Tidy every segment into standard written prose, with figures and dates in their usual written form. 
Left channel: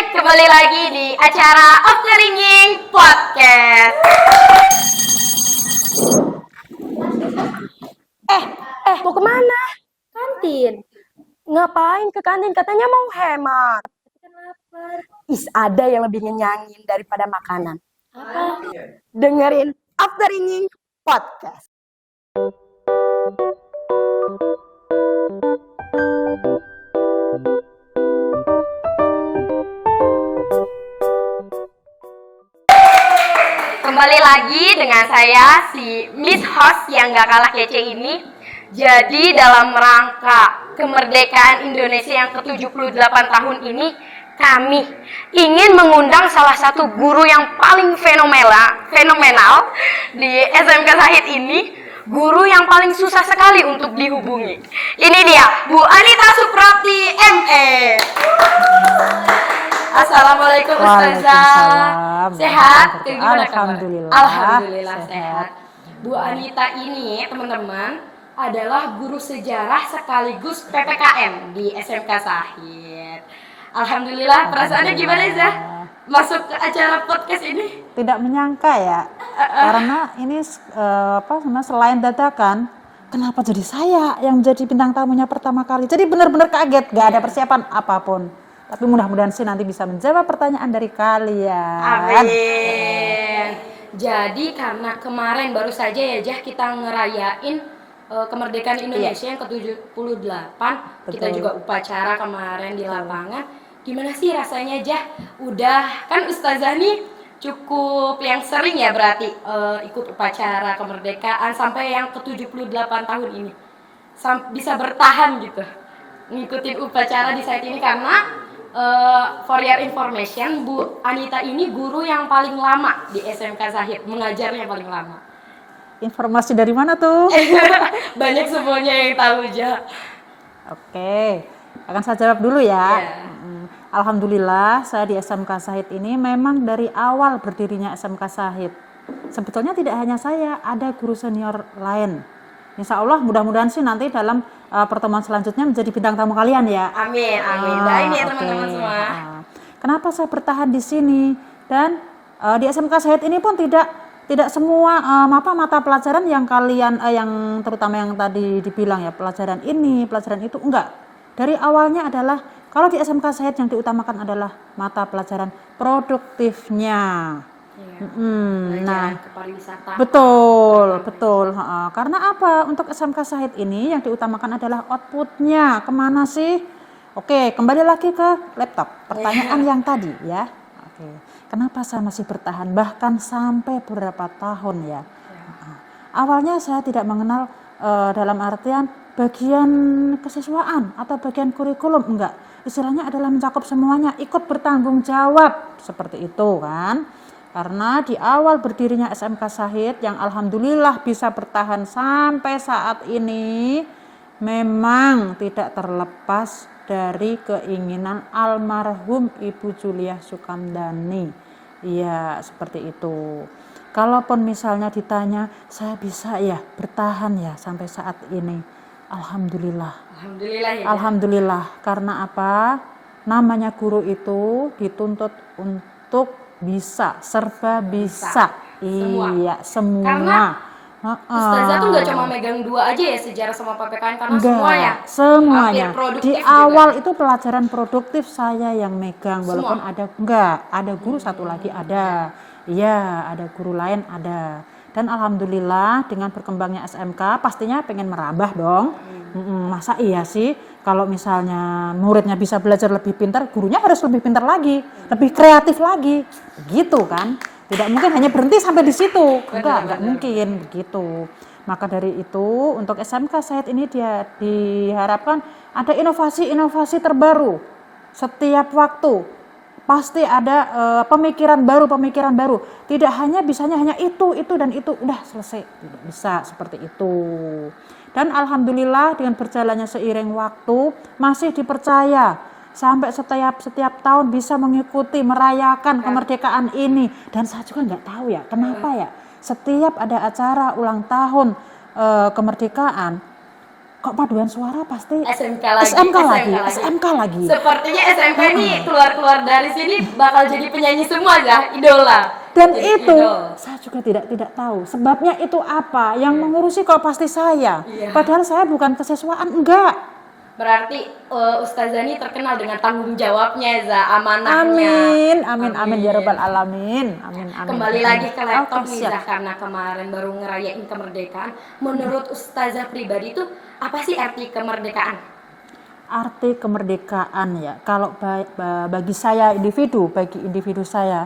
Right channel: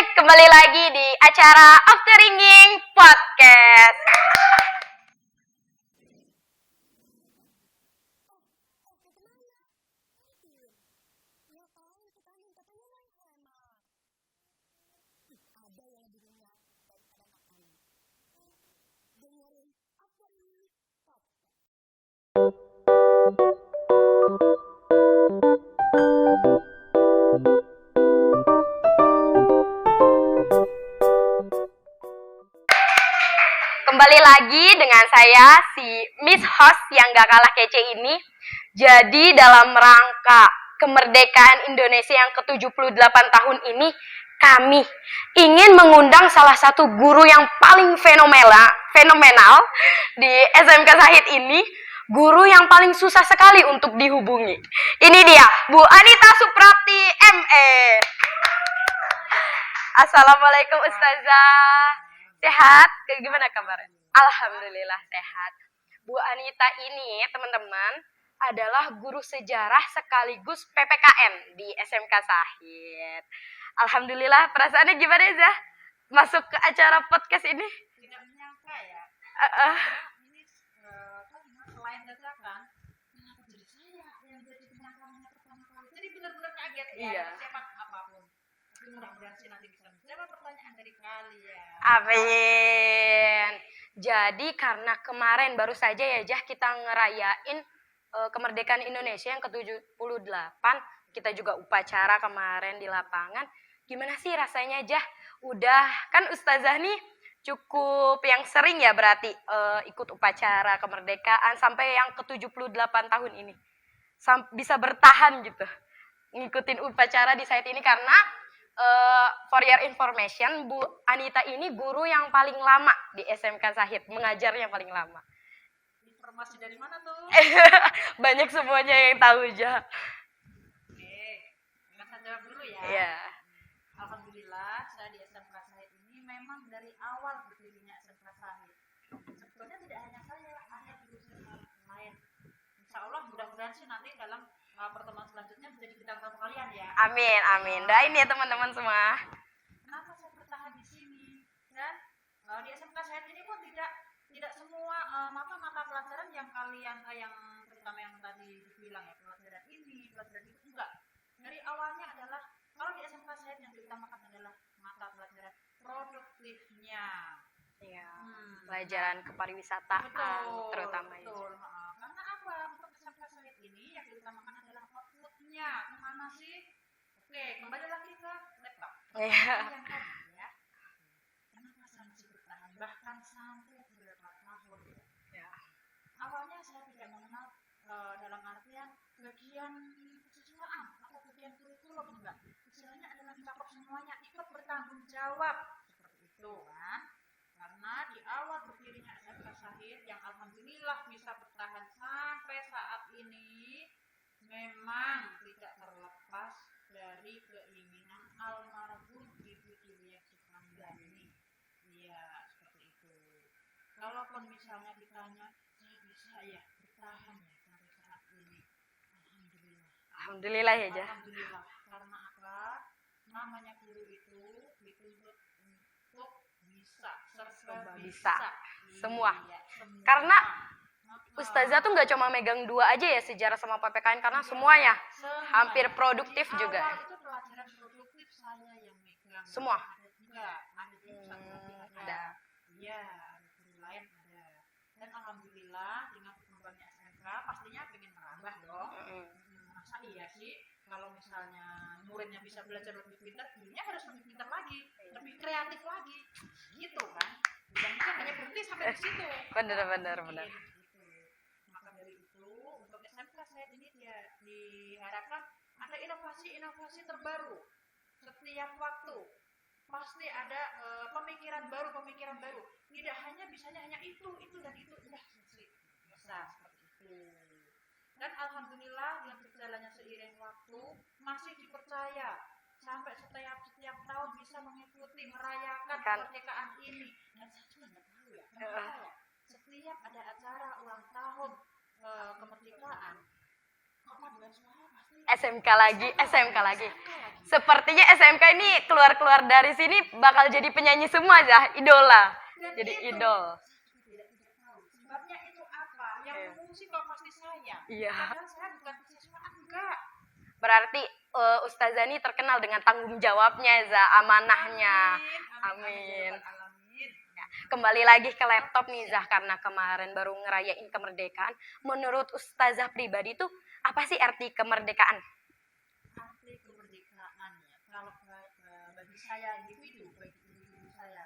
kembali lagi di acara Off the Ringing Podcast. Mau kemana? Kantin. Ngapain ke kantin? Katanya mau hemat. Ada yang lebih ngenyangin daripada makanan. Apa? Dengerin Off the Ringing Podcast. Kembali lagi dengan saya, si Miss Host yang gak kalah kece ini. Jadi dalam rangka kemerdekaan Indonesia yang ke-78 tahun ini, kami ingin mengundang salah satu guru yang paling fenomenal di SMK Syahid ini. Guru yang paling susah sekali untuk dihubungi. Ini dia, Bu Anita Suprapti, ME. Assalamualaikum Ustazah. Sehat? Gimana kabar? Alhamdulillah sehat. Bu Anita ini, teman-teman, adalah guru sejarah sekaligus PPKM di SMK Syahid. Alhamdulillah, perasaannya gimana, Zah? Masuk ke acara podcast ini? Tidak menyangka ya, karena ini selain dadakan, kenapa jadi saya yang jadi bintang tamunya pertama kali? Jadi benar-benar kaget, gak ada persiapan apapun. Tapi mudah-mudahan sih nanti bisa menjawab pertanyaan dari kalian. Amin. Jadi karena kemarin baru saja ya Jah kita ngerayain kemerdekaan Indonesia yang ke-78, kita juga upacara kemarin di lapangan. Gimana sih rasanya Jah? Udah kan Ustazah nih cukup yang sering ya berarti ikut upacara kemerdekaan sampai yang ke-78 tahun ini. Bisa bertahan gitu ngikutin upacara di saat ini karena for your information, Bu Anita ini guru yang paling lama di SMK Syahid, mengajarnya paling lama. Informasi dari mana tuh? Banyak semuanya yang tahu Jah. Oke, akan saya jawab dulu ya. Yeah. Alhamdulillah saya di SMK Syahid ini memang dari awal berdirinya SMK Syahid. Sebetulnya tidak hanya saya, ada guru senior lain. Insya Allah mudah-mudahan sih nanti dalam pertemuan selanjutnya menjadi bintang tamu kalian ya. Amin, amin. Nah ini ya teman-teman semua. Kenapa saya bertahan di sini? Dan di SMK Syahid ini pun tidak semua mata pelajaran yang kalian yang terutama yang tadi dibilang ya pelajaran ini, pelajaran itu enggak. Dari awalnya adalah kalau di SMK Syahid yang diutamakan adalah mata pelajaran produktifnya. Nah, kepariwisata. Betul. Karena apa? Untuk SMK Syahid ini yang diutamakan adalah outputnya. Kemana sih? Oke, kembali lagi ke laptop. Pertanyaan yang tadi ya. Oke, kenapa saya masih bertahan bahkan sampai beberapa tahun ya? Awalnya saya tidak mengenal dalam artian bagian kesiswaan atau bagian kurikulum, enggak. Istilahnya adalah mencakup semuanya, ikut bertanggung jawab seperti itu kan. Karena di awal berdirinya SMK Syahid yang alhamdulillah bisa bertahan sampai saat ini memang tidak terlepas dari keinginan almarhum Ibu Juliah Sukamdhani. Iya, seperti itu. Kalaupun misalnya ditanya, saya bisa ya bertahan ya sampai saat ini. Alhamdulillah. Alhamdulillah ya. Alhamdulillah. Karena apa? Namanya guru itu dituntut untuk bisa, serba bisa. Iya, semua. Karena Ustazah tuh gak cuma megang dua aja ya sejarah sama PPKN karena semuanya. Di awal juga. itu pelajaran produktif saya yang megang walaupun ada guru satu lagi ada. Iya, ada guru lain ada. Dan alhamdulillah dengan berkembangnya SMK pastinya pengen merambah dong. Masa iya sih kalau misalnya muridnya bisa belajar lebih pintar, gurunya harus lebih pintar lagi, lebih kreatif lagi, gitu kan? Tidak mungkin hanya berhenti sampai di situ, enggak mungkin begitu. Maka dari itu untuk SMK Syahid ini dia diharapkan ada inovasi terbaru setiap waktu. Pasti ada pemikiran baru. Tidak hanya bisanya hanya itu dan itu udah selesai. Tidak bisa seperti itu. Dan alhamdulillah dengan berjalannya seiring waktu masih dipercaya sampai setiap tahun bisa mengikuti merayakan kemerdekaan ini. Dan saya juga nggak tahu ya kenapa ya setiap ada acara ulang tahun kemerdekaan kok paduan suara pasti SMK lagi, SMK lagi, SMK lagi. SMK lagi. Sepertinya SMK ini keluar-keluar dari sini bakal jadi penyanyi semua ya, idola. Dan Jadi itu idol. saya juga tidak tahu sebabnya itu apa. Yang mengurusi kok pasti saya. Iya. Padahal saya bukan kesiswaan, enggak. Berarti Ustazah ini terkenal dengan tanggung jawabnya, Za, amanahnya. Amin ya rabbal alamin. Amin. Kembali lagi ke laptop Oke, nih, siap. Zah, karena kemarin baru ngerayain kemerdekaan. Menurut Ustazah pribadi itu apa sih arti kemerdekaan? Arti kemerdekaan ya, kalau bagi saya bagi individu saya,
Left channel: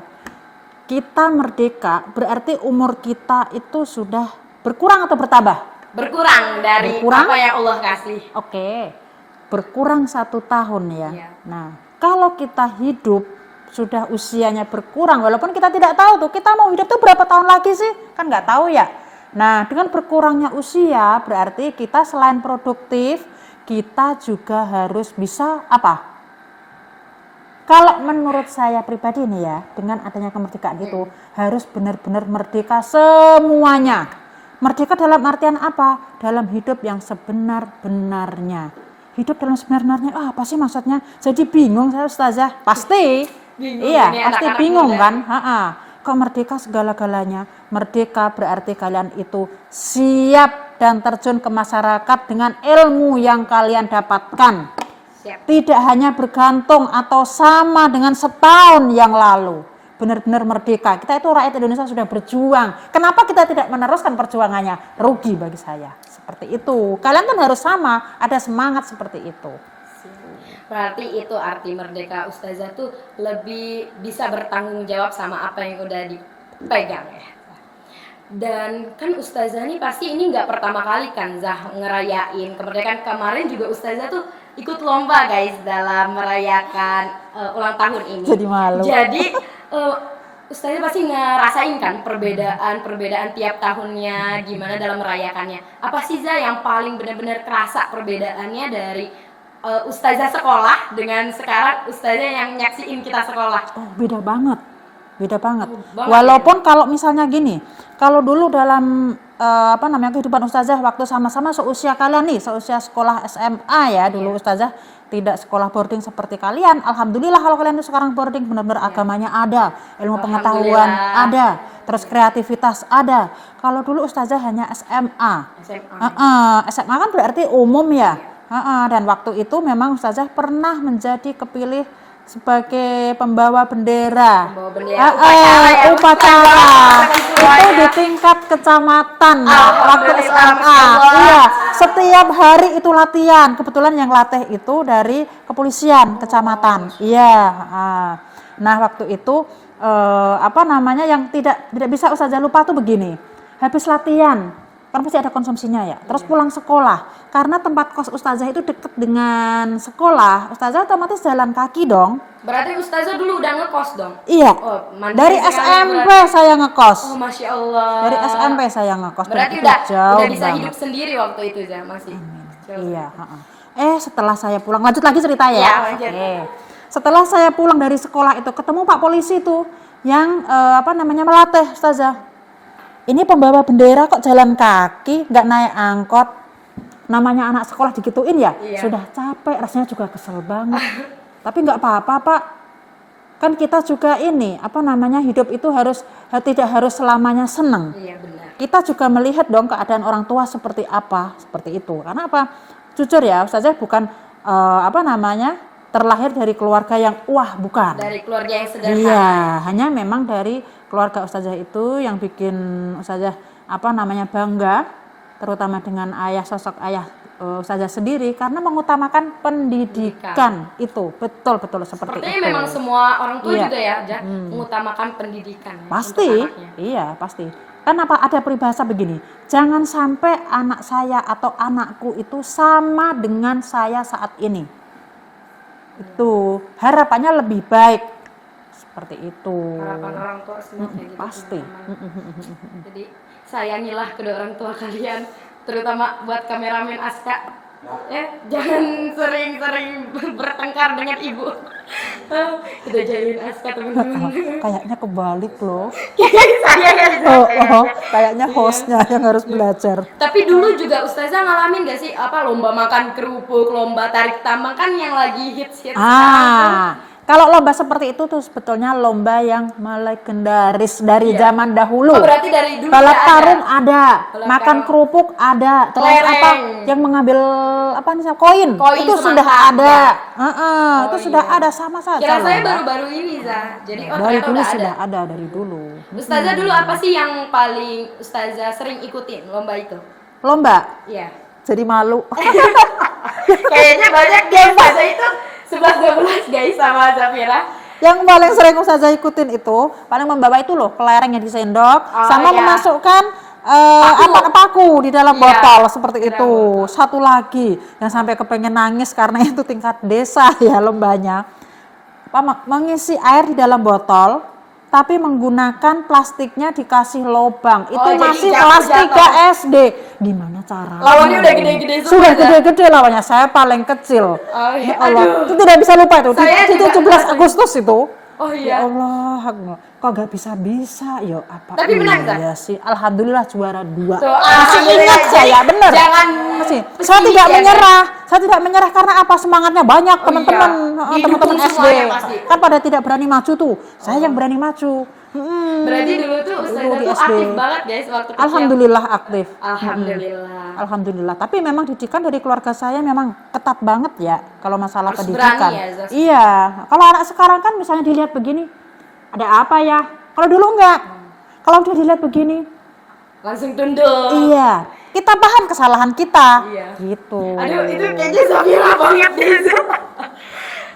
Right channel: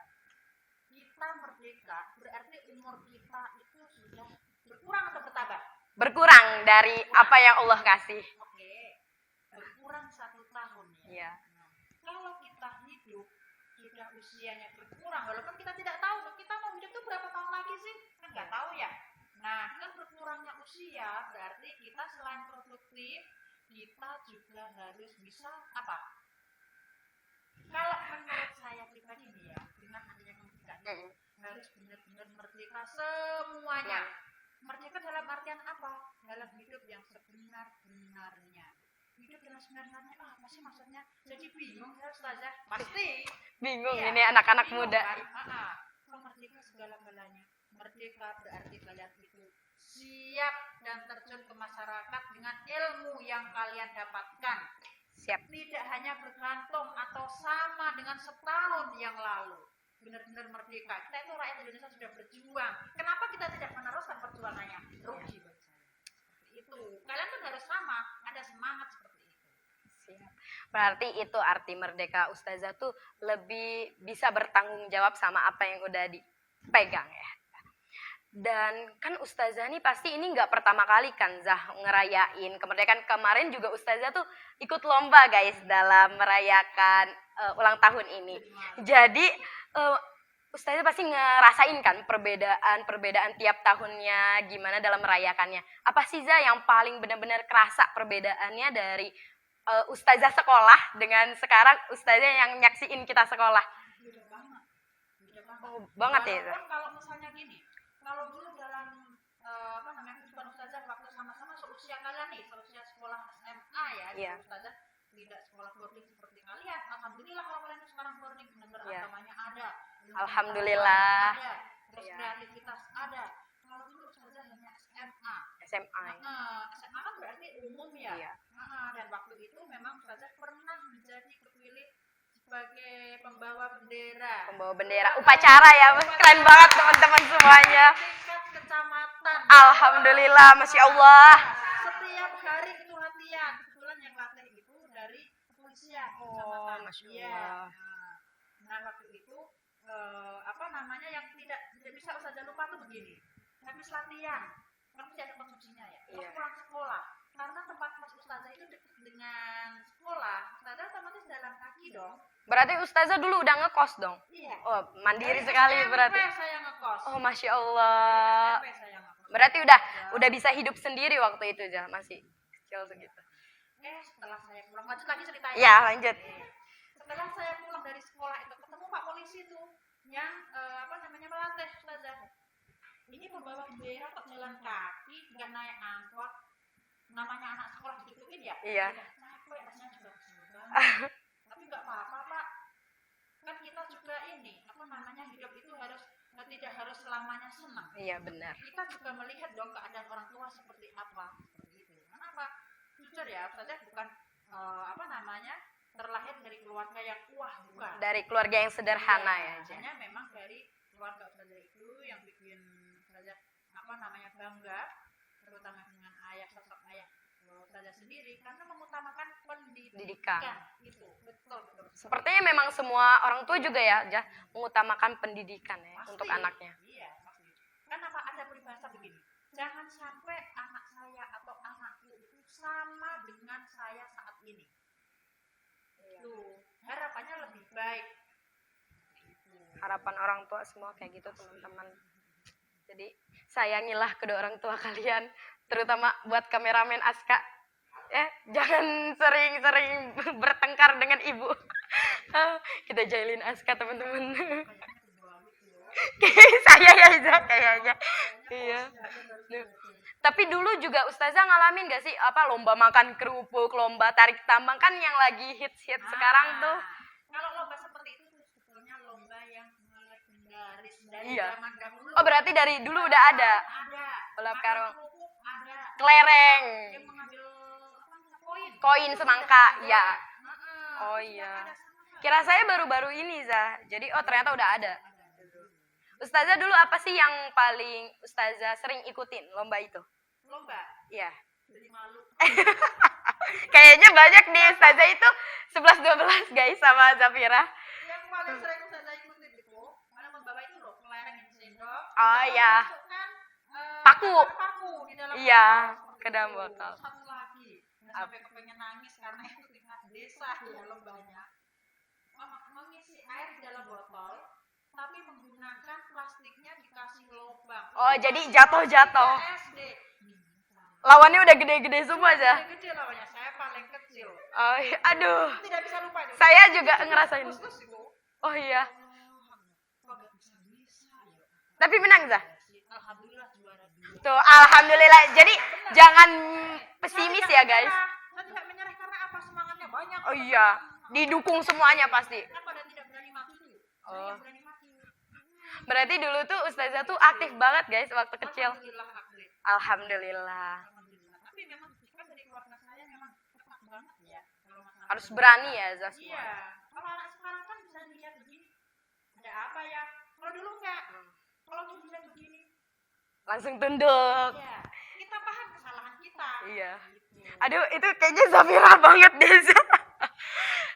kita merdeka berarti umur kita itu sudah berkurang atau bertambah? Berkurang dari Berkurang? apa yang Allah kasih. Oke, berkurang 1 tahun ya. Iya. Nah, kalau kita hidup sudah usianya berkurang, walaupun kita tidak tahu tuh kita mau hidup tuh berapa tahun lagi sih, kan nggak tahu ya. Nah, dengan berkurangnya usia berarti kita selain produktif, kita juga harus bisa apa? Kalau menurut saya pribadi nih ya, dengan adanya kemerdekaan itu harus benar-benar merdeka semuanya. Merdeka dalam artian apa? Dalam hidup yang sebenar-benarnya. Hidup dalam sebenar-benarnya apa sih maksudnya? Jadi bingung saya Ustazah. Pasti. Bingung Iya, ini pasti anak-anak bingung muda. kan? Kok merdeka segala-galanya? Merdeka berarti kalian itu siap dan terjun ke masyarakat dengan ilmu yang kalian dapatkan. Siap. Tidak hanya bergantung atau sama dengan setahun yang lalu. Benar-benar merdeka. Kita itu rakyat Indonesia sudah berjuang. Kenapa kita tidak meneruskan perjuangannya? Rugi bagi saya. Seperti itu. Kalian kan harus sama, ada semangat seperti itu. Berarti itu arti merdeka Ustazah tuh lebih bisa bertanggung jawab sama apa yang udah dipegang ya. Dan kan Ustazah ini pasti ini nggak pertama kali kan Zah ngerayain kemerdekaan. Kemarin juga Ustazah tuh ikut lomba guys dalam merayakan ulang tahun ini. Jadi malu. Jadi Ustazah pasti ngerasain kan perbedaan tiap tahunnya gimana dalam merayakannya. Apa sih Zah yang paling benar-benar kerasa perbedaannya dari Ustazah sekolah dengan sekarang Ustazah yang nyaksiin kita sekolah? Oh, beda banget. banget Walaupun kalau misalnya gini, kalau dulu dalam kehidupan Ustazah waktu sama-sama seusia kalian nih, seusia sekolah SMA ya dulu Ustazah tidak sekolah boarding seperti kalian. Alhamdulillah kalau kalian itu sekarang boarding benar-benar agamanya ada, ilmu pengetahuan ada, terus kreativitas ada. Kalau dulu Ustazah hanya SMA. SMA kan berarti umum ya. Dan waktu itu memang Ustazah pernah menjadi kepilih sebagai pembawa bendera. Upacara ya, upacara. Itu di tingkat kecamatan. Alhamdulillah, Masya Allah. Iya, setiap hari itu latihan. Kebetulan yang latih itu dari kepolisian kecamatan. Iya. Nah waktu itu yang tidak bisa Ustazah lupa tuh begini. Habis latihan kan pasti ada konsumsinya ya. Terus pulang sekolah, karena tempat kos Ustazah itu dekat dengan sekolah, Ustazah otomatis jalan kaki dong. Berarti Ustazah dulu udah ngekos dong? Iya. Oh, Dari SMP saya ngekos. Oh, Masya Allah. Dari SMP saya ngekos. Berarti udah bisa hidup sendiri waktu itu ya masih. Iya. Setelah saya pulang, lanjut lagi cerita ya. Iya, lanjut. Setelah saya pulang dari sekolah itu ketemu Pak Polisi tuh yang melatih Ustazah. Ini pembawa bendera kok jalan kaki, nggak naik angkot. Namanya anak sekolah digituin ya, sudah capek, rasanya juga kesel banget. Tapi nggak apa-apa Pak. Kan kita juga hidup itu tidak harus selamanya senang. Iya benar. Kita juga melihat dong keadaan orang tua seperti apa, seperti itu. Karena apa? Jujur ya, Ustazah bukan terlahir dari keluarga yang bukan. Dari keluarga yang sederhana. Iya, hanya memang dari keluarga Ustazah itu yang bikin Ustazah bangga, terutama dengan sosok ayah Ustazah sendiri karena mengutamakan pendidikan. Itu betul seperti itu. Sepertinya memang semua orang tua juga ya, mengutamakan pendidikan. Pasti, iya pasti. Kan ada peribahasa begini, jangan sampai anak saya atau anakku itu sama dengan saya saat ini. Itu harapannya lebih baik. Seperti itu. Harapan orang tua semua kayak gitu. Pasti. Jadi sayangilah kedua orang tua kalian, terutama buat kameramen Aska. Jangan sering-sering bertengkar dengan ibu. Kita jadiin Aska teman-teman. Kayaknya kebalik loh. Saya ya. Kayaknya hostnya yang harus belajar. Tapi dulu juga Ustazah ngalamin gak sih apa lomba makan kerupuk, lomba tarik tambang kan yang lagi hits sekarang tuh. Kalau lomba seperti itu tuh sebetulnya lomba yang legendaris dari zaman dahulu. Oh, berarti dari dulu Balap udah karung ada. ada, Balap makan karung. kerupuk ada, terus Kelereng. apa yang mengambil apa nih koin Koin itu sudah semangka, ada. ya. Itu sudah iya. ada sama saja. Kira saya lomba. baru-baru ini Zah. Jadi Dari ternyata dulu udah ada. sudah ada dari dulu. Ustazah dulu apa sih yang paling Ustazah sering ikutin lomba itu? Lomba, Iya. jadi malu. Kayaknya banyak guys, Ustazah itu 11-12 guys sama Zafira. Yang paling sering Ustazah ikutin itu paling membawa itu loh kelereng yang disendok sama iya. memasukkan paku di dalam Iya, botol seperti di dalam itu. botol. Satu lagi yang sampai kepengen nangis karena itu tingkat desa ya lombanya. Mengisi air di dalam botol tapi menggunakan plastiknya dikasih lobang. Itu Oh, jadi masih jatuh, kelas 3 SD. Gimana cara? Lawannya udah gede-gede semua, Sudah Zah. gede-gede lawannya. Saya paling kecil. Oh, Ya iya. Allah, Aduh. itu tidak bisa lupa itu. Saya Itu juga 17 ngerasain. Agustus itu. Oh Ya iya. Allah, kok gak bisa-bisa yo apa Tapi menang, Zah? ya sih. Alhamdulillah juara 2. Tuh, alhamdulillah. Saya benar. Jangan Masih. Saya pesimis tidak ya, menyerah. Saya tidak menyerah karena apa semangatnya banyak Oh teman-teman, iya. teman-teman Didukung SD. semuanya pasti. Kan pada tidak berani maju tuh. Saya yang berani maju. Berarti dulu tuh Ustazah Dulu di tuh SD. aktif banget guys waktu kecil. Alhamdulillah aktif. Alhamdulillah. Alhamdulillah. Tapi memang didikan dari keluarga saya memang ketat banget ya kalau masalah Harus pendidikan. berani ya, Zaz. Iya. Kalau anak sekarang kan misalnya dilihat begini, ada apa ya? Kalau dulu enggak. Kalau udah dilihat begini, Langsung tunduk. iya. Kita paham kesalahan kita. Iya. Gitu. Aduh, itu kayaknya Zafira banget deh.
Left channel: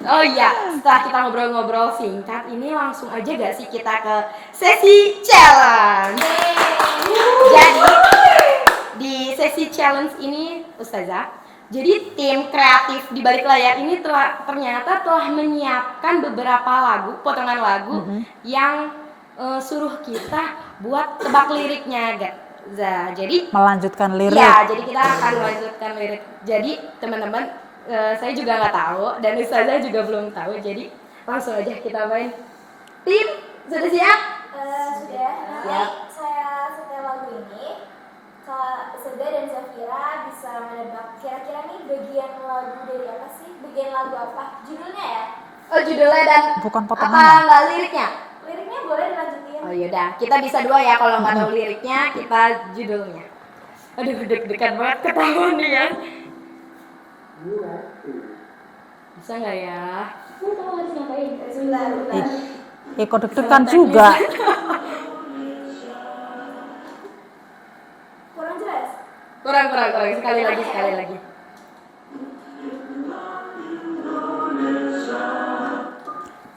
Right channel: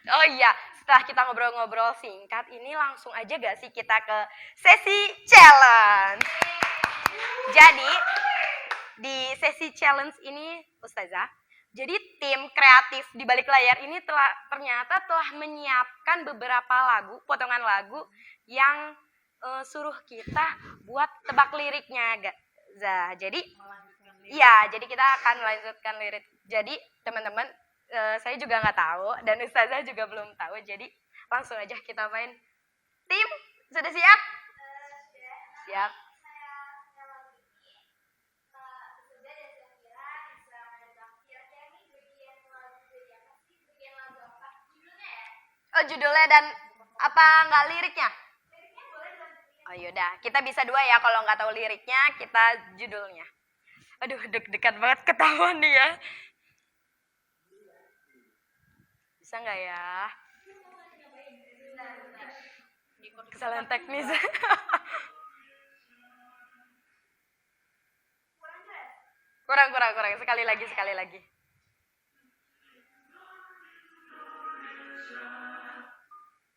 Oh iya, setelah kita ngobrol-ngobrol singkat, ini langsung aja gak sih kita ke sesi challenge. Jadi, di sesi challenge ini, Ustazah, jadi tim kreatif di balik layar ini ternyata telah menyiapkan beberapa lagu, potongan lagu yang suruh kita buat tebak liriknya, Jadi Melanjutkan lirik. ya, jadi kita akan melanjutkan lirik. Jadi teman-teman, saya juga nggak tahu dan Ustazah juga belum tahu. Jadi langsung aja kita main. Tim, sudah siap? Sudah. Siap. Saya setel lagu ini. Kak Seda dan Zafira bisa menebak kira-kira nih bagian lagu dari apa sih? Bagian lagu apa? Judulnya ya? Oh, judulnya dan Bukan apa potongannya. nggak liriknya? Liriknya boleh dilanjutin. Oh yaudah, kita bisa dua ya kalau nggak tahu liriknya, kita judulnya. Aduh, deg-degan banget ketahuan nih ya. Bisa nggak ya? Sebentar. Kok deg-degan juga. Kurang jelas? Kurang. Sekali lagi.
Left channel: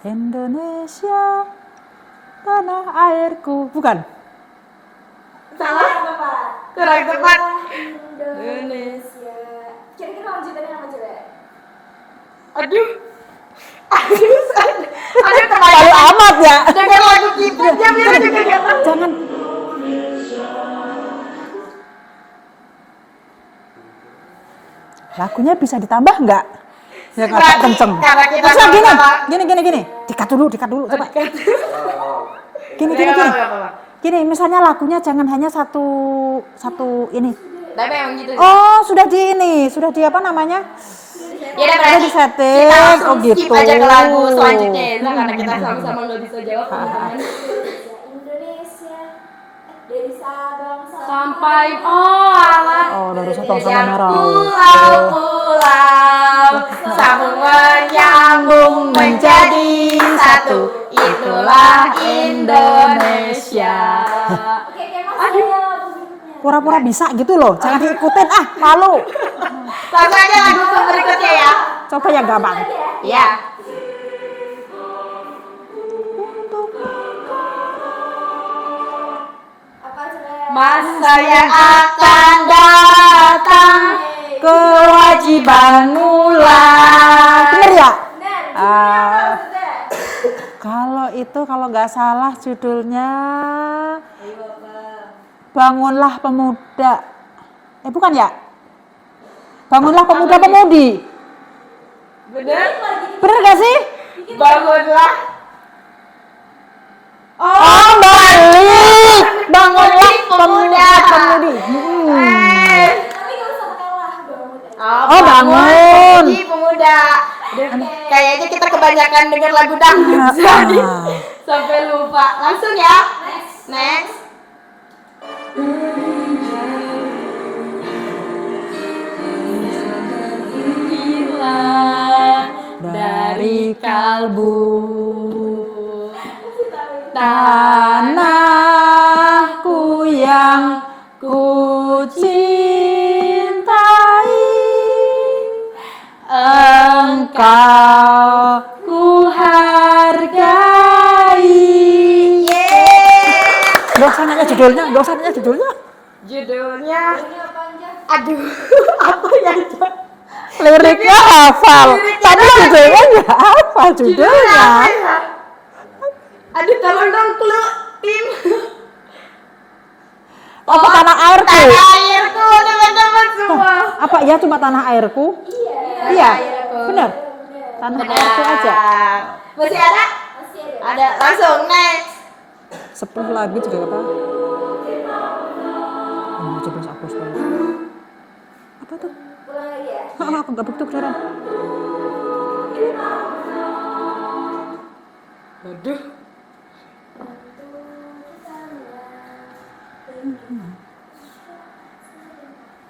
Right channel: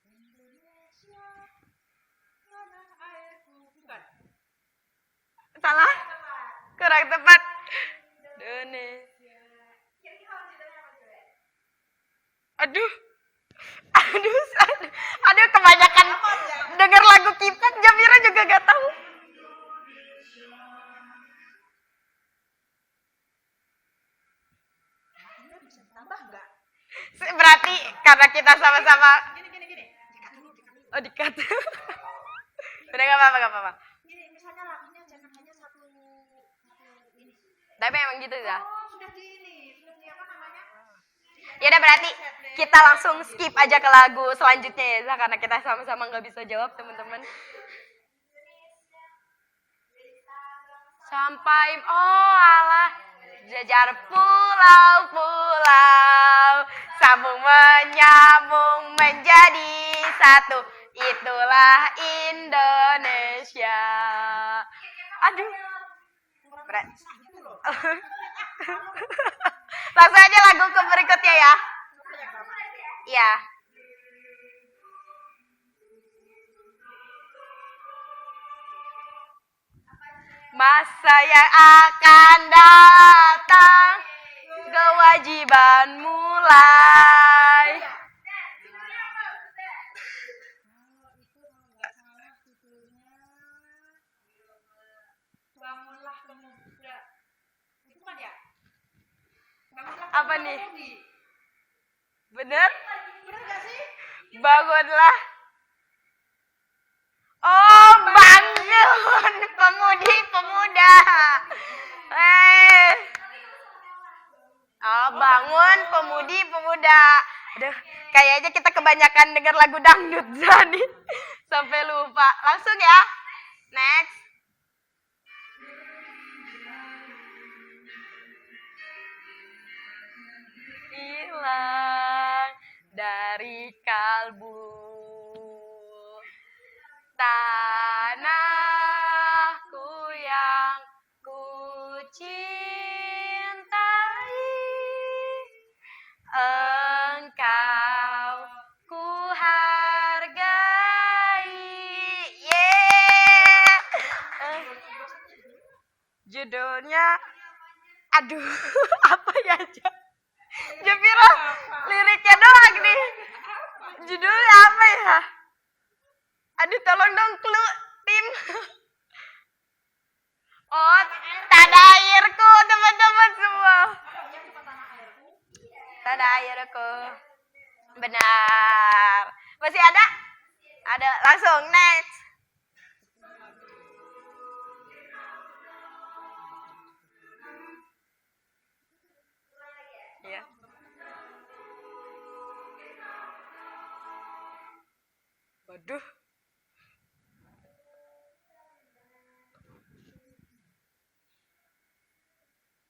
Indonesia, tanah airku. Bukan. Salah. Apa? Kurang tepat. Indonesia. Kira-kira lanjutannya apa coba? Aduh, kebanyakan. Baik amat ya. Dengar lagu K-pop ya, Mira juga nggak tahu. Jangan. Lagunya bisa ditambah nggak? Ya agak Berarti kenceng. karena kita Bisa sama-sama. gini. Dikat dulu coba. Gini. Apa. Gini, misalnya lagunya jangan hanya satu ini. Tapi emang gitu. Oh, sudah di apa namanya? Ya udah berarti di setting. kita langsung Oh, gitu. skip aja ke lagu selanjutnya ya, Zah, karena kita sama-sama nggak bisa jawab teman-teman. Indonesia. Dari Sabang Sampai alah. Oh, dari Sabang sampai Kejar Merauke. pulau, sambung menyambung menjadi satu. Itulah Indonesia. Oke, tema Aduh. saya lagu berikutnya. Pura-pura bisa gitu loh. Jangan diikutin malu. Langsung aja lagu berikutnya ya. Coba yang gampang. Iya. Apa coba? Masa yang akan datang, kewajiban mulai. Bener ya? Benar. Ah. Sudah. Kalau nggak salah judulnya Bangunlah Pemuda. Bukan ya? Bangunlah pemuda-pemudi. Bener? Bener gak sih? Bangunlah. Oh, balik. Bangunlah pemuda-pemudi. Tapi nggak usah pakai lah, bangun. Oh, bangun. Pemuji pemuda. Kayaknya kita kebanyakan dengar lagu dangdut jadi sampai lupa. Langsung ya. Next. Hilang dari kalbu tanahku yang ku cintai, engkau ku hargai. Gak usah nanya judulnya, gak usah nanya judulnya. Judulnya, aduh, apa ya? Liriknya hafal, Liriknya tapi doang. judulnya nggak hafal Judulnya judulnya. apa ya? Aduh, tolong dong, tim. Apa tanah airku? Tanah airku, teman-teman semua. Apa ya cuma tanah airku? Tanah Iya, airku. benar. Tanah airku aja. Benar. Masih ada? Masih ada. Ada. Langsung next. 10 lagu juga apa? Oh, 17 Agustus. Apa tuh? Ulang lagi ya. Aku nggak begitu kedengeran. Waduh.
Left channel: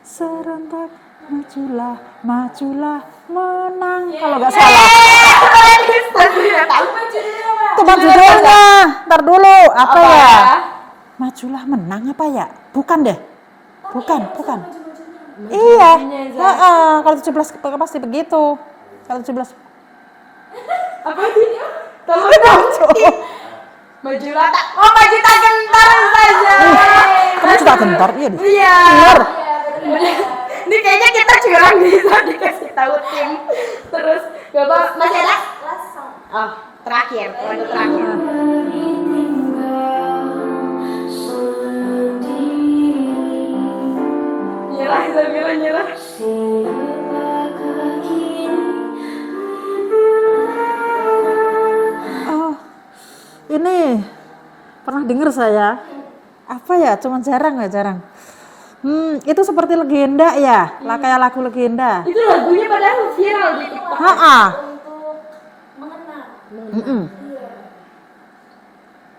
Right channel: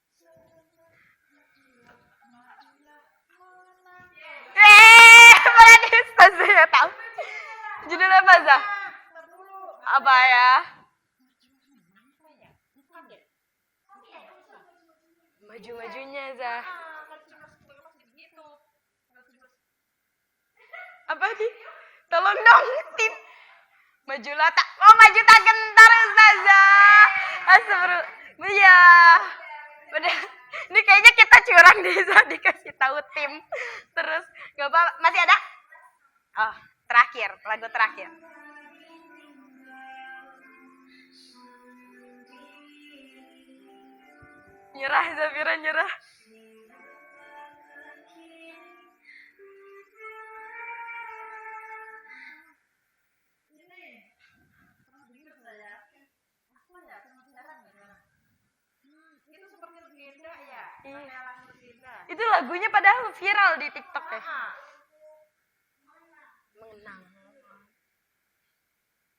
Serentak majulah, majulah, menang. Kalau nggak salah. Cuma judulnya. Ntar dulu. Apa ya? Majulah menang apa ya? Bukan deh. Bukan. Iya. Kalau 17 pasti begitu. Kalau 17. Apa sih? Tolong dong. Majulah tak. Oh, maju tak gentar saja. Kamu suka gentar? Iya deh. Iya. Bener. Bener. Ini kayaknya kita curang bisa dikasih tahu tim. Terus gak apa masih ada? Last song. Oh, terakhir, lagu terakhir. Nyerah, Zafira nyerah. Oh, ini pernah dengar saya. Apa ya? Cuman jarang. Itu seperti legenda ya, lah kayak lagu legenda. Itu lagunya padahal viral di TikTok. Untuk mengenang.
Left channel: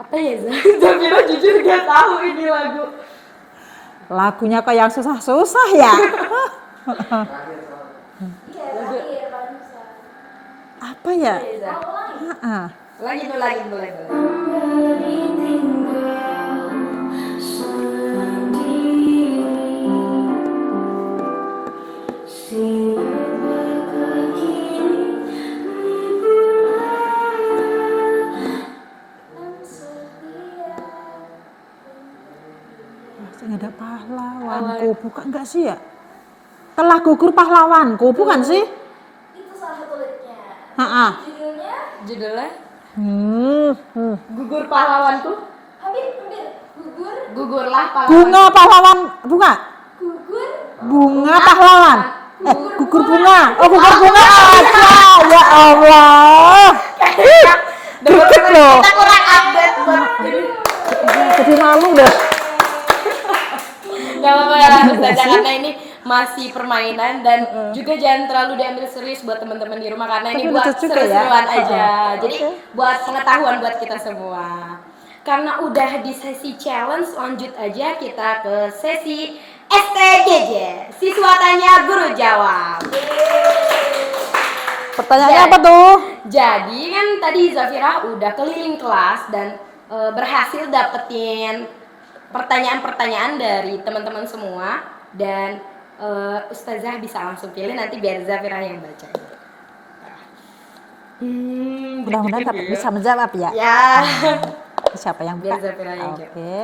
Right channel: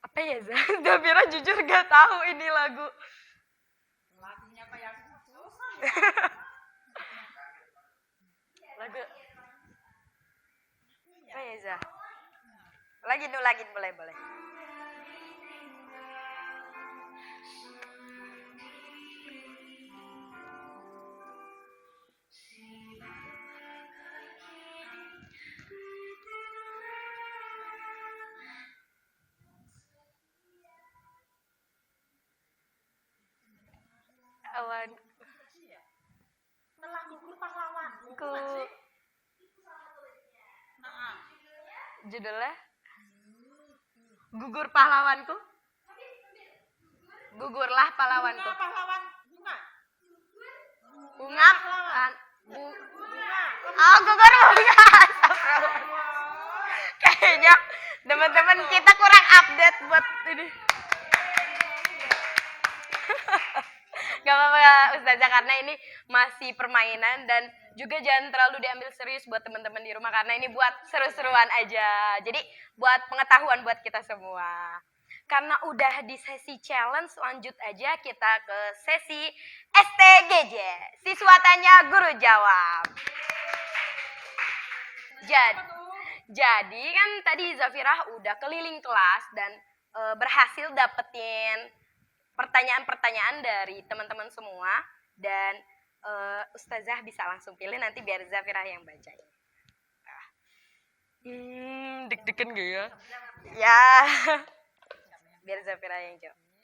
Apa ya, Zafira jujur gak tahu ini lagu. Lagunya kayak yang susah-susah ya. Iya, terakhir paling bisa. Apa ya? Lagi boleh. Masih ada pahlawanku, bukan enggak sih ya? Telah gugur pahlawanku, bukan sih? Itu salah satu liriknya. Judulnya Judulnya Hmm. Gugur Pahlawanku. hampir gugur Gugurlah pahlawan. Bunga pahlawan, bunga. gugur Bunga pahlawan. Gugur bunga. Oh, gugur bunga. Ya Allah. Kayaknya teman-teman loh. kita kurang update buat ini. Jadi malu deh. Gak apa-apa ya, Ustazah, karena ini masih permainan dan juga jangan terlalu diambil serius buat teman-teman di rumah karena ini Tapi buat lucu juga ya. seru-seruan aja. Jadi buat pengetahuan buat kita semua. Karena udah di sesi challenge, lanjut aja kita ke sesi STGJ. Siswa tanya, guru jawab. Pertanyaannya Ya. apa tuh? Jadi kan tadi Zafira udah keliling kelas dan berhasil dapetin pertanyaan-pertanyaan dari teman-teman semua dan Ustazah bisa langsung pilih nanti biar Zafira yang baca. Mudah-mudahan dapat bisa menjawab ya. Ya. Siapa yang Biar buka? Zafira yang jawab. Oke.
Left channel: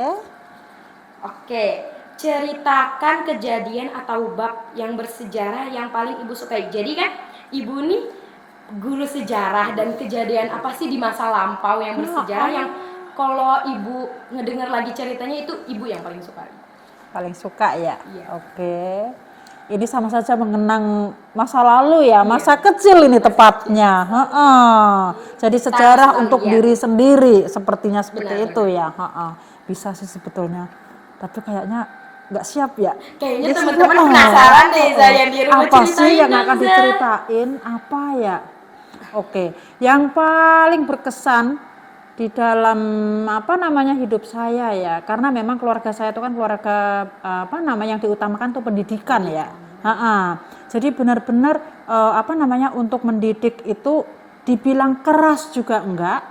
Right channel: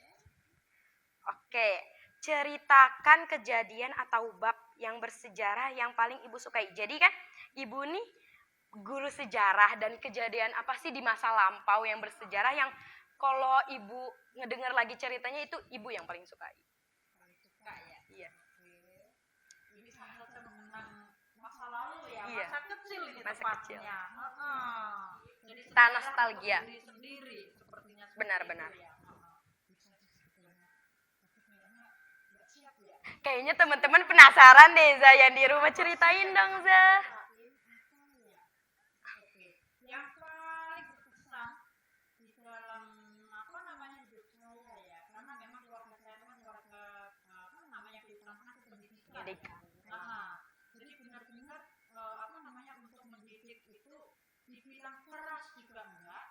Oke, ceritakan kejadian atau bab yang bersejarah yang paling Ibu sukai. Jadi kan Ibu nih guru sejarah dan kejadian apa sih di masa lampau yang bersejarah yang kalau Ibu ngedengar lagi ceritanya itu Ibu yang paling suka. Paling suka ya. Iya. Oke. ini sama saja mengenang masa lalu ya, masa kecil ini tepatnya. Jadi sejarah untuk diri sendiri, sepertinya seperti itu ya. Bisa sih sebetulnya, tapi kayaknya nggak siap ya. Kayaknya teman-teman penasaran deh saya di rumah, apa sih ceritain yang akan dong, Za. diceritain? Apa ya? Oke, yang paling berkesan di dalam hidup saya ya, karena memang keluarga saya itu kan keluarga yang diutamakan tuh pendidikan ya. Jadi benar-benar untuk mendidik itu dibilang keras juga enggak,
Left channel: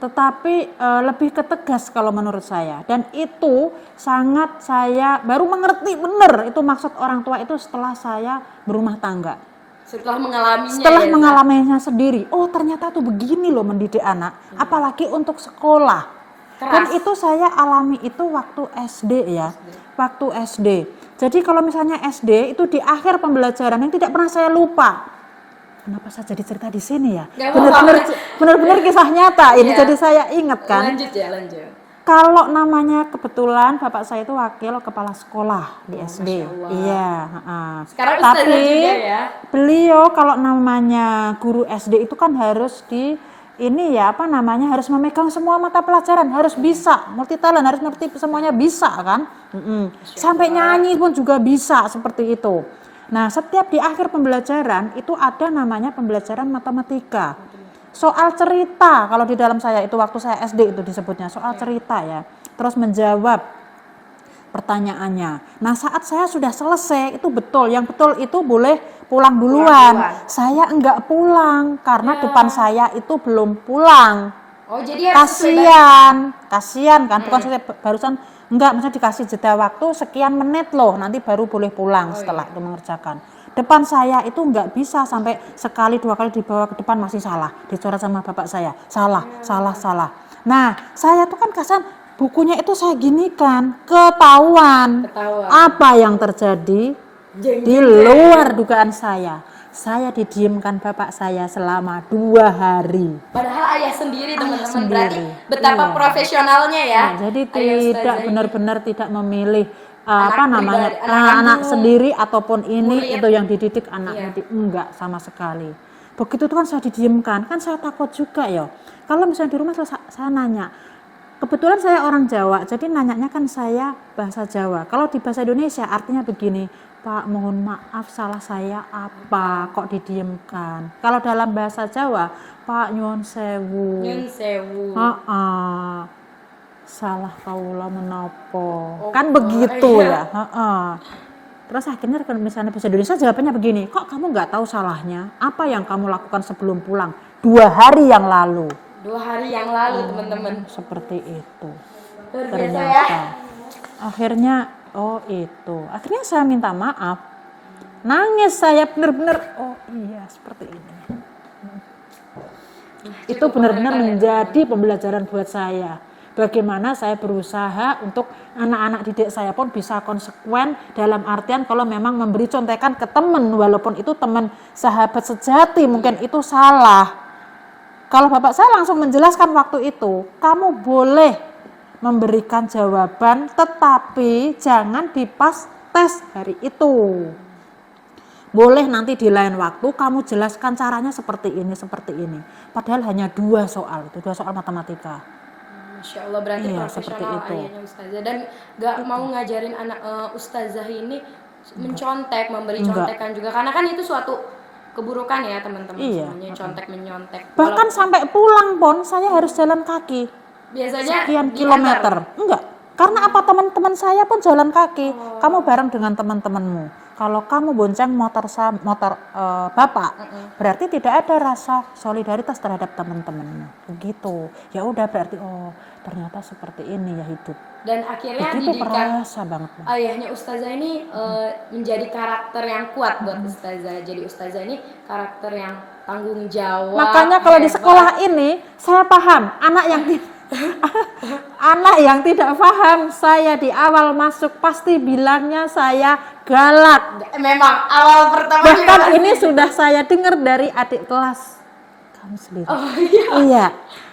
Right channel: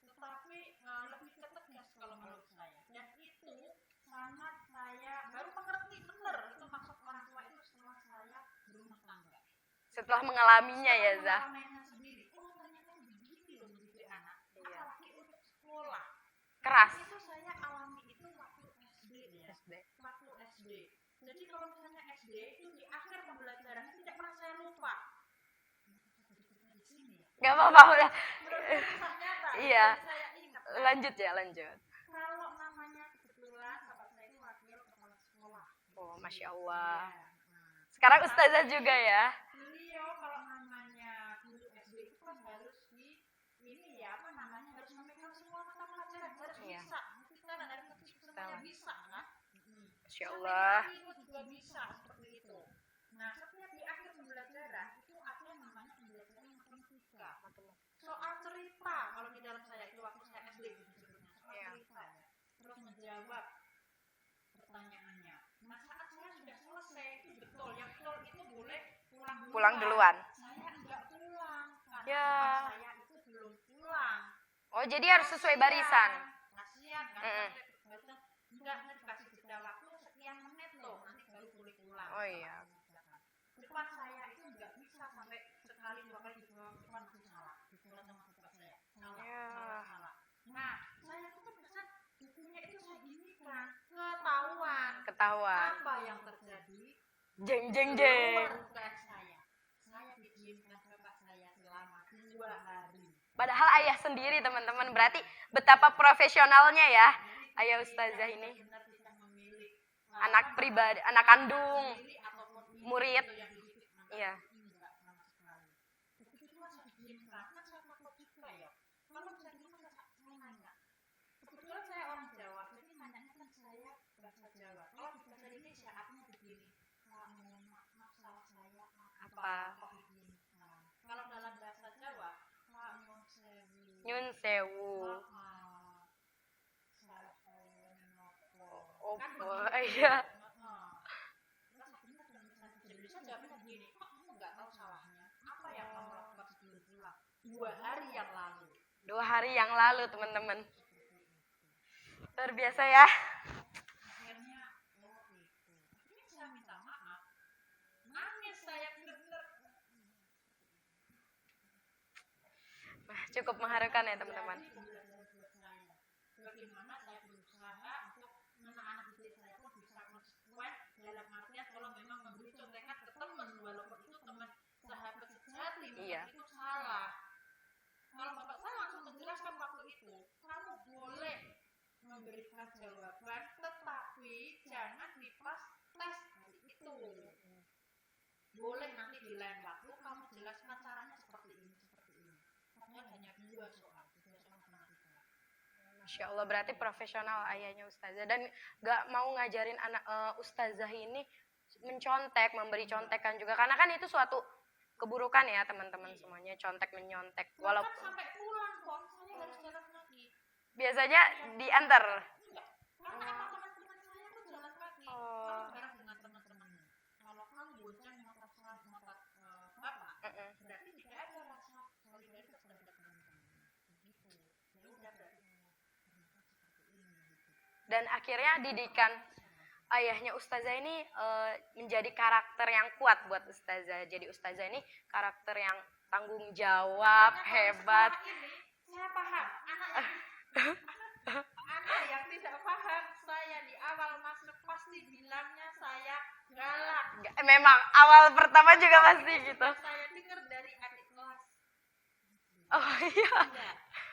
tetapi lebih ke tegas kalau menurut saya, dan itu sangat saya baru mengerti benar itu maksud orang tua itu setelah saya berumah tangga. Setelah mengalaminya sendiri, oh ternyata tuh begini loh mendidik anak, apalagi untuk sekolah. Dan itu saya alami itu waktu SD ya, waktu SD. Jadi kalau misalnya SD itu di akhir pembelajaran yang tidak pernah saya lupa. Kenapa saya jadi cerita di sini ya? Benar-benar kisah nyata ini, jadi saya ingat kan. Lanjut. Kalau namanya kebetulan bapak saya itu wakil kepala sekolah di SD. Iya. Sekarang tapi juga ya. beliau kalau namanya guru SD itu kan harus harus memegang semua mata pelajaran, harus bisa multi talent, harus ngerti semuanya bisa kan. Sampai nyanyi pun juga bisa seperti itu. Nah, setiap di akhir pembelajaran itu ada namanya pembelajaran matematika. Soal cerita, kalau di dalam saya itu waktu saya SD itu disebutnya soal cerita ya. Terus menjawab pertanyaannya. Nah, saat saya sudah selesai itu betul, yang betul itu boleh pulang duluan. Saya enggak pulang karena depan saya itu belum pulang. Oh, jadi kasihan kan, bukan saya barusan enggak, maksudnya dikasih jeda waktu sekian menit loh, nanti baru boleh pulang setelah itu mengerjakan. Depan saya itu enggak bisa sampai sekali dua kali dibawa ke depan masih salah, dicoret sama bapak saya, salah. Nah, saya tuh kan kasihan, bukunya itu saya ginikan, ketahuan. Apa yang terjadi di luar dugaan saya. Saya didiamkan bapak saya selama 2 hari. Padahal ayah sendiri teman-teman, berarti betapa profesionalnya ya. Nah, jadi tidak benar-benar tidak memilih anak sendiri ataupun ini itu yang dididik anaknya, enggak sama sekali. Begitu itu kan saya didiamkan, kan saya takut juga ya. Kalau misalnya di rumah saya nanya, kebetulan saya orang Jawa, jadi nanyanya kan saya bahasa Jawa. Kalau di bahasa Indonesia artinya begini, Pak mohon maaf salah saya apa kok didiamkan. Kalau dalam bahasa Jawa, Pak nyuwun sewu. Salah kaula menapa. Kan begitu ya. Terus akhirnya kalau misalnya bahasa Indonesia jawabannya begini, kok kamu nggak tahu salahnya? Apa yang kamu lakukan sebelum pulang? 2 hari yang lalu. 2 hari yang lalu teman-teman. Seperti itu. Terbiasa ya. Akhirnya akhirnya saya minta maaf, nangis saya benar-benar, oh iya seperti ini. Itu benar-benar menjadi pembelajaran buat saya. Bagaimana saya berusaha untuk anak-anak didik saya pun bisa konsekuen, dalam artian kalau memang memberi contekan ke teman, walaupun itu teman sahabat sejati mungkin itu salah. Kalau bapak saya langsung menjelaskan waktu itu, kamu boleh memberikan jawaban tetapi jangan dipas tes hari itu. Boleh nanti di lain waktu kamu jelaskan caranya seperti ini. Padahal hanya 2 soal, itu 2 soal matematika. Masya Allah, berarti profesional ayahnya Ustazah. Dan gak mau ngajarin anak Ustazah ini mencontek, memberi contekan juga. Karena kan itu suatu keburukan ya teman-teman. Semuanya contek-menyontek. Bahkan sampai pulang pun saya harus jalan kaki. Biasanya sekian kilometer. Enggak. Karena apa, teman-teman saya pun jalan kaki. Kamu bareng dengan teman-temanmu. Kalau kamu bonceng motor bapak, berarti tidak ada rasa solidaritas terhadap teman-temanmu. Begitu. Ya udah berarti ternyata seperti ini ya hidup. Dan akhirnya begitu didikan perasa banget. Ayahnya Ustazah ini menjadi karakter yang kuat buat Ustazah. Jadi Ustazah ini karakter yang tanggung jawab. Makanya kalau di sekolah ini saya paham anak yang tidak paham, saya di awal masuk pasti bilangnya saya galak. Memang awal pertama. Bahkan ini sudah saya dengar dari adik kelas kamu sendiri. Iya.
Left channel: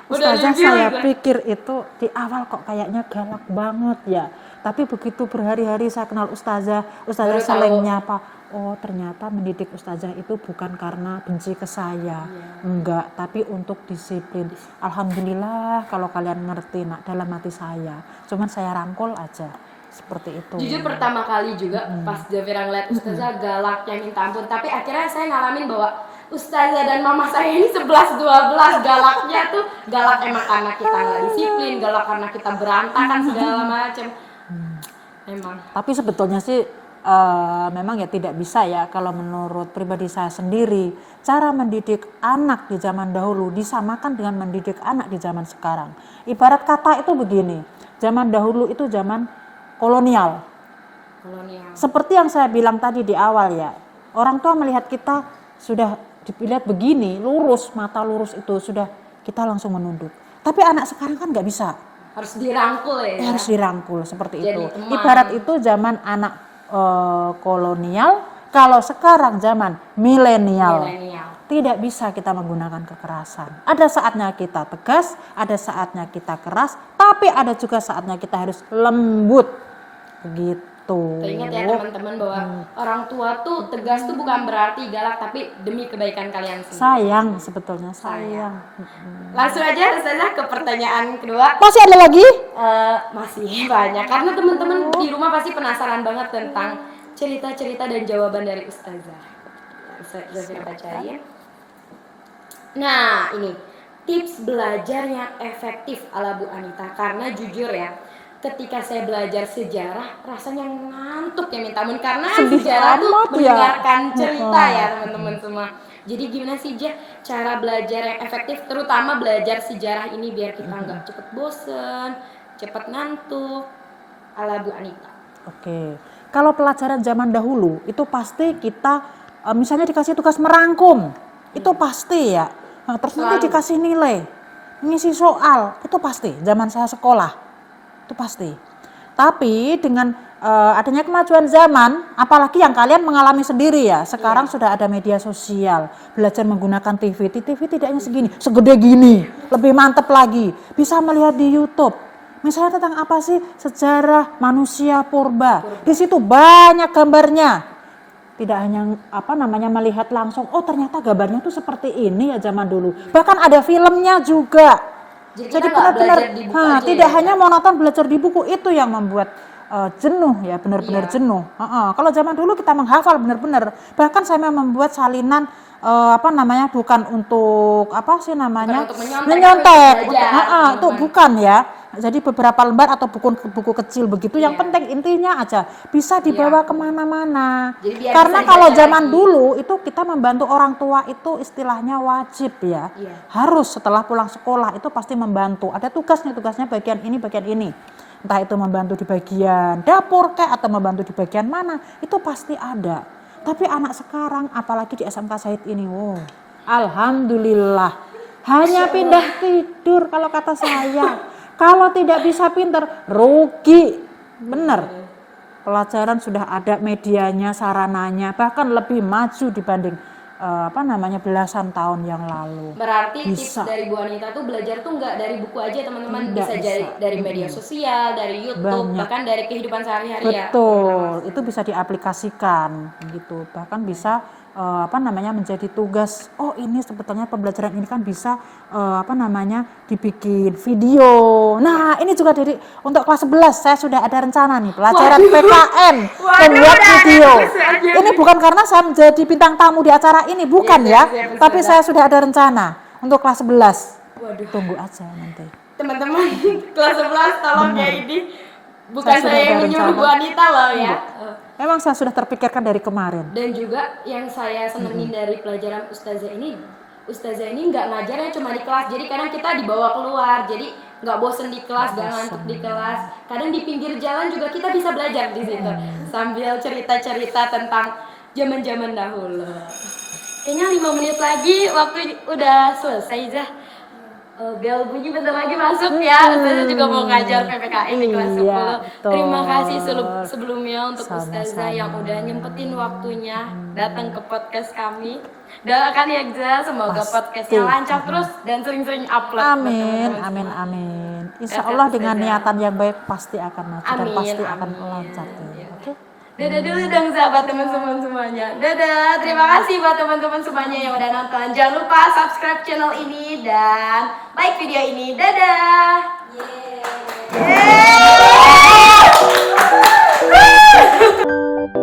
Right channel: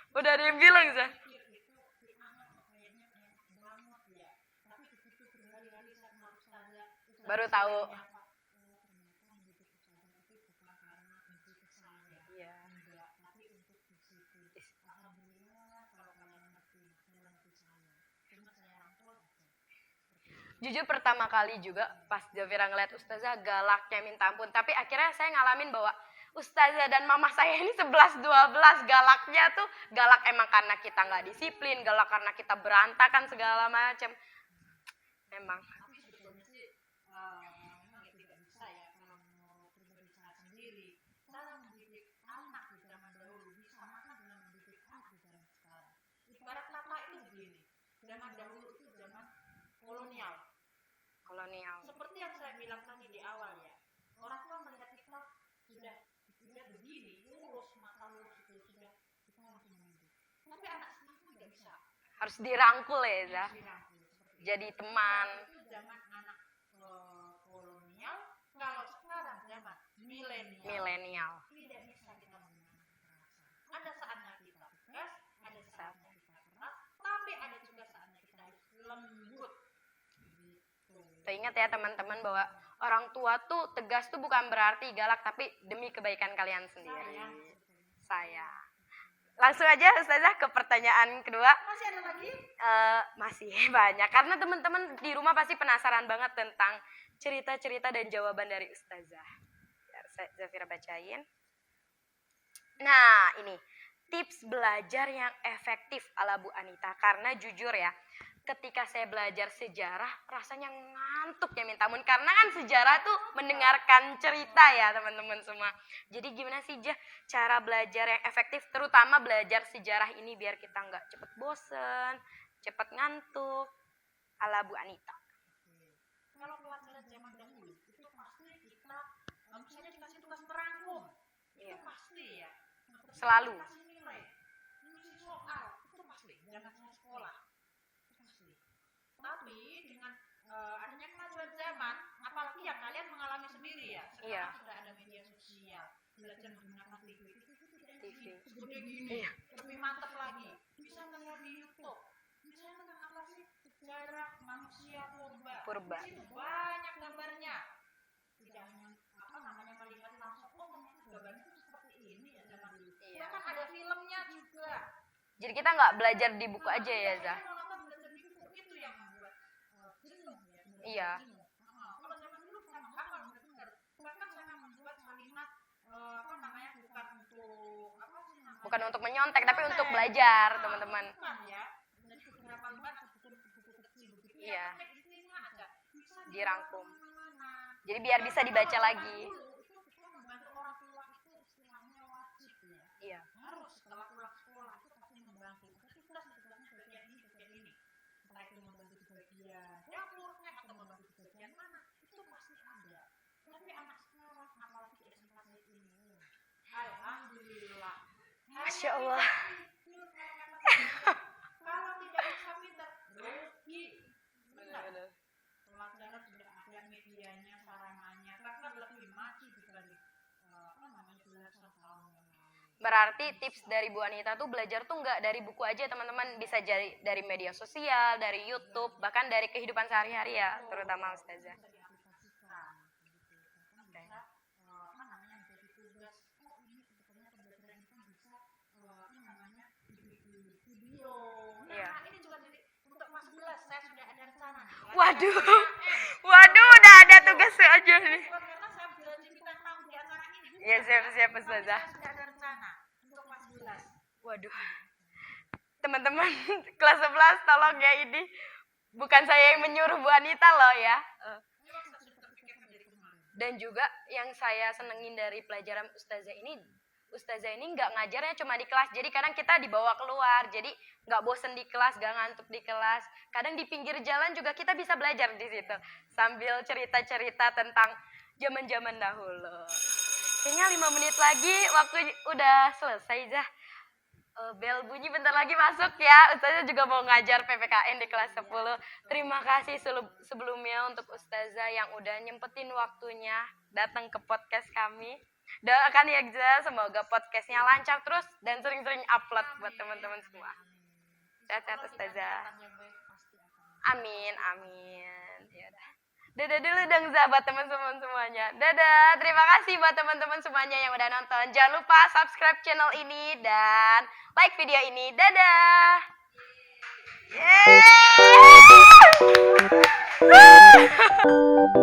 Ustazah saya pikir itu di awal kok kayaknya galak banget ya. Tapi begitu berhari-hari saya kenal ustazah Baru saling tahu. nyapa. Oh ternyata mendidik ustazah itu bukan karena benci ke saya, enggak, tapi untuk disiplin. Alhamdulillah kalau kalian ngerti nak dalam hati saya. Cuman saya rangkul aja seperti itu. Jujur pertama kali juga pas Zafira ngeliat ustazah galaknya minta ampun, tapi akhirnya saya ngalamin bahwa ustazah dan mama saya ini 11-12 galaknya tuh galak emang karena kita nggak disiplin, galak karena kita berantakan segala macam. Emang. Tapi sebetulnya sih memang ya tidak bisa ya kalau menurut pribadi saya sendiri. Cara mendidik anak di zaman dahulu disamakan dengan mendidik anak di zaman sekarang. Ibarat kata itu begini, zaman dahulu itu zaman kolonial. Seperti yang saya bilang tadi di awal ya, orang tua melihat kita sudah dilihat begini, lurus, mata lurus itu sudah kita langsung menunduk. Tapi anak sekarang kan nggak bisa. Harus dirangkul ya. Harus dirangkul seperti Jadi itu. teman. Ibarat itu zaman anak kolonial, kalau sekarang zaman milenial. Tidak bisa kita menggunakan kekerasan. Ada saatnya kita tegas, ada saatnya kita keras, tapi ada juga saatnya kita harus lembut. Begitu. Teringat ya teman-teman bahwa orang tua tuh tegas tuh bukan berarti galak, tapi demi kebaikan kalian sendiri. Sayang sebetulnya, sayang. Langsung aja Ustazah ke pertanyaan kedua. Masih ada lagi? Masih banyak karena teman-teman di rumah pasti penasaran banget tentang cerita-cerita dan jawaban dari Ustazah. Ustazah bacain. Nah ini tips belajar yang efektif ala Bu Anita, karena jujur ya ketika saya belajar sejarah rasanya ngantuk ya minta ampun, karena sejarah tuh mendengarkan cerita ya teman-teman semua. Jadi gimana sih Ja cara belajar yang efektif, terutama belajar sejarah ini biar kita nggak cepet bosen, cepet ngantuk ala Bu Anita. Oke, kalau pelajaran zaman dahulu itu pasti kita misalnya dikasih tugas merangkum, itu pasti ya. Nah, terus nanti dikasih nilai, ngisi soal, itu pasti. Zaman saya sekolah, itu pasti. Tapi dengan adanya kemajuan zaman, apalagi yang kalian mengalami sendiri ya, sekarang sudah ada media sosial, belajar menggunakan TV tidak hanya segini, segede gini, lebih mantep lagi, bisa melihat di YouTube. Misalnya tentang apa sih sejarah manusia purba, di situ banyak gambarnya. Tidak hanya melihat langsung, oh ternyata gambarnya tuh seperti ini ya zaman dulu. Bahkan ada filmnya juga. Jadi benar-benar tidak hanya monoton belajar di buku, itu yang membuat jenuh ya, benar-benar jenuh. Kalau zaman dulu kita menghafal benar-benar. Bahkan saya membuat salinan bukan untuk menyontek. Itu bukan ya. Jadi beberapa lembar atau buku kecil begitu, yang penting intinya aja bisa dibawa kemana-mana. Karena kalau zaman dulu itu kita membantu orang tua itu istilahnya wajib ya. Harus setelah pulang sekolah itu pasti membantu. Ada tugasnya bagian ini. Entah itu membantu di bagian dapur atau membantu di bagian mana, itu pasti ada. Tapi anak sekarang apalagi di SMK Said ini, alhamdulillah hanya pindah tidur kalau kata saya. Kalau tidak bisa pinter, rugi. Bener. Pelajaran sudah ada medianya, sarananya, bahkan lebih maju dibanding belasan tahun yang lalu. Berarti tips dari Bu Anita tuh belajar tuh nggak dari buku aja teman-teman, bisa dari media sosial, dari YouTube, bahkan dari kehidupan sehari-hari ya. Betul, itu bisa diaplikasikan gitu. Bahkan bisa menjadi tugas. Oh ini sebetulnya pembelajaran ini kan bisa dibikin video. Nah ini juga untuk kelas 11 saya sudah ada rencana nih pelajaran PKN membuat video. Ini bukan karena saya menjadi bintang tamu di acara ini, bukan ya. Tapi saya sudah ada rencana untuk kelas 11. Tunggu aja nanti. Teman-teman kelas 11 tolong ya, ini bukan saya yang menyuruh Bu Anita loh ya. Memang saya sudah terpikirkan dari kemarin. Dan juga yang saya senengin dari pelajaran Ustazah ini nggak ngajarnya cuma di kelas. Jadi karena kita dibawa keluar, jadi nggak bosen di kelas, nggak ngantuk di kelas. Kadang di pinggir jalan juga kita bisa belajar di situ sambil cerita-cerita tentang zaman-zaman dahulu. Kayaknya 5 menit lagi waktu udah selesai Zah. Bel bunyi bentar lagi masuk ya. Ustazah juga mau ngajar PPKN di kelas 10. Terima kasih sebelumnya untuk Ustazah yang udah nyempetin waktunya datang ke podcast kami. Doakan ya Zah, semoga podcastnya lancar terus dan sering-sering upload. Amin. Insya Kakak Allah dengan Ustazah. niatan yang baik pasti akan maju dan Amin, pasti akan amin. lancar. Ya. Oke. Dadah dulu dong sahabat teman-teman semuanya. Dadah, terima kasih buat teman-teman semuanya yang udah nonton. Jangan lupa subscribe channel ini dan like video ini. Dadah. Yeay. Yeay.